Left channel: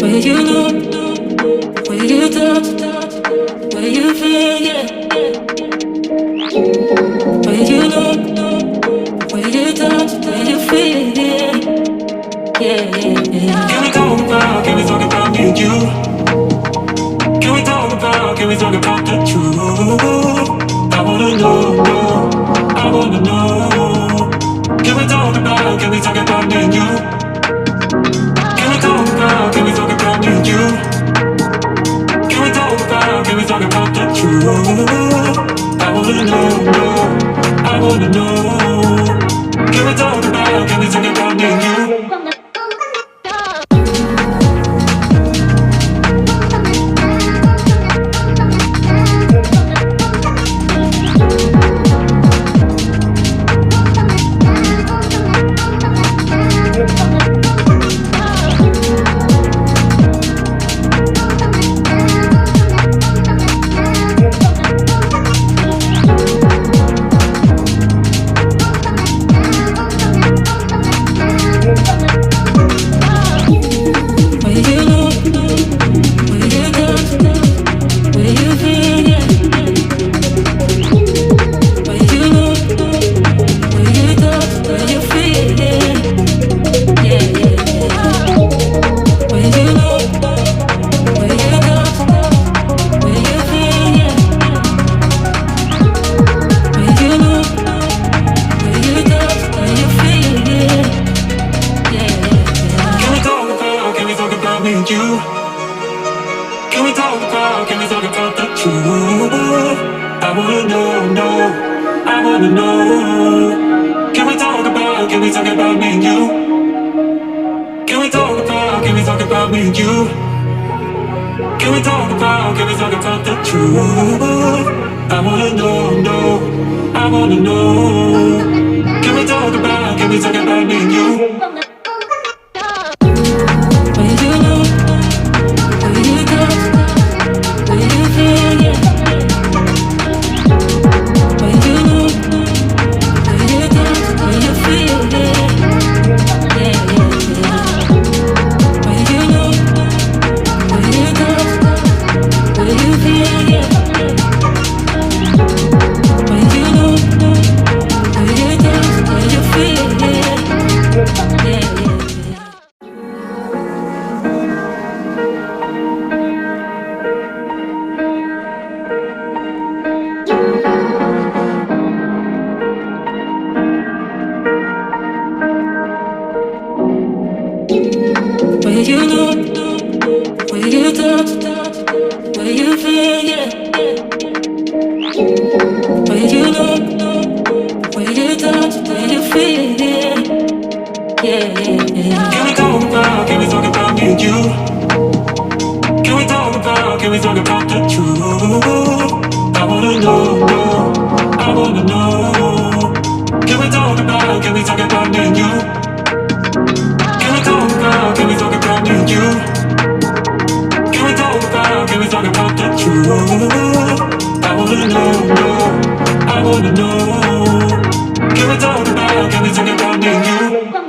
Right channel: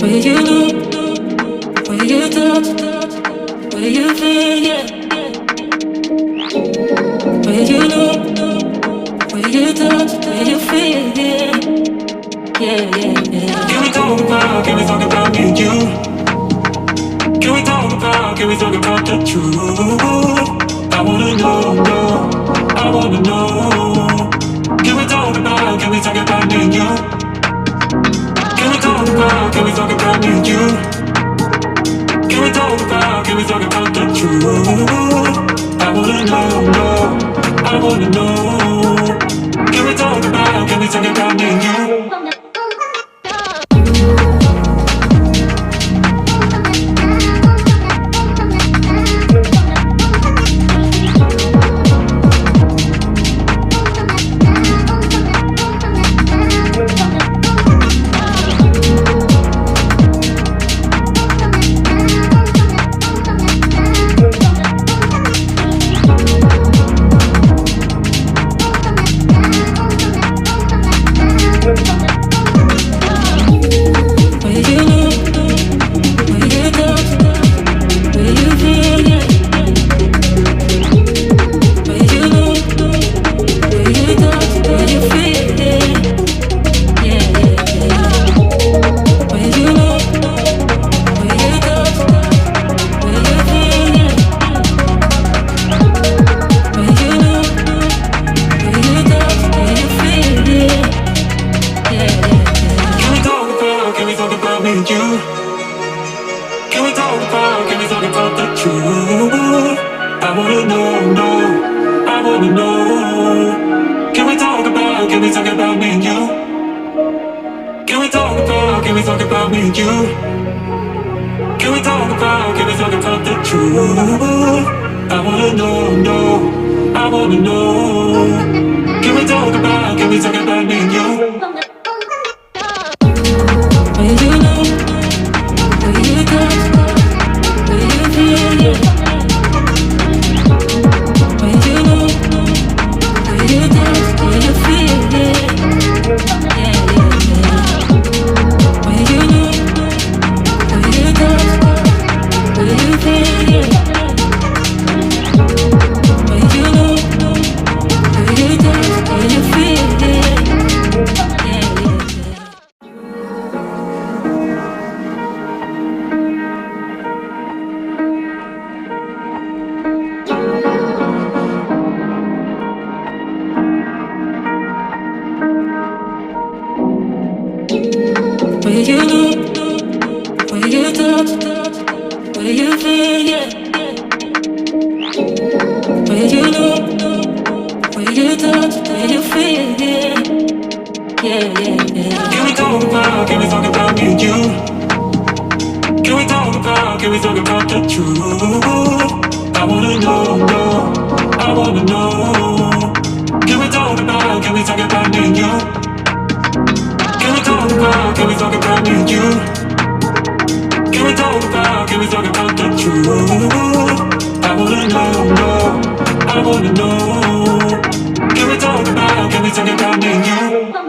Where you look, where you touch, where you feel, yeah. Where you look, where you touch, where you feel, yeah. Yeah. Can we talk about me and you? Can we talk about the truth? I wanna know, I wanna know. Can we talk about me and you? Can we talk about me and you? Can we talk about the truth? I wanna know, I wanna know. Can we talk about me and you? Can we talk about the truth? I wanna know, I wanna know. Can we talk about me and you? Can we talk about me and you? Can we talk about the truth? I wanna know, I wanna know. Can we talk about me and you? Where you look, where you touch, where you feel, yeah. Where you look, where you touch, where you feel, yeah. Where you look, where you touch, where you feel, yeah. Where you look, where you touch, where you feel, yeah. Where you look, where you touch, where you feel, yeah. Where you look, where you touch, where you feel, yeah. Can we talk about me and you? Can we talk about the truth? I wanna know, I wanna know. Can we talk about me and you? Can we talk about me and you? Can we talk about the truth? I wanna know, I wanna know. Can we talk about me and you?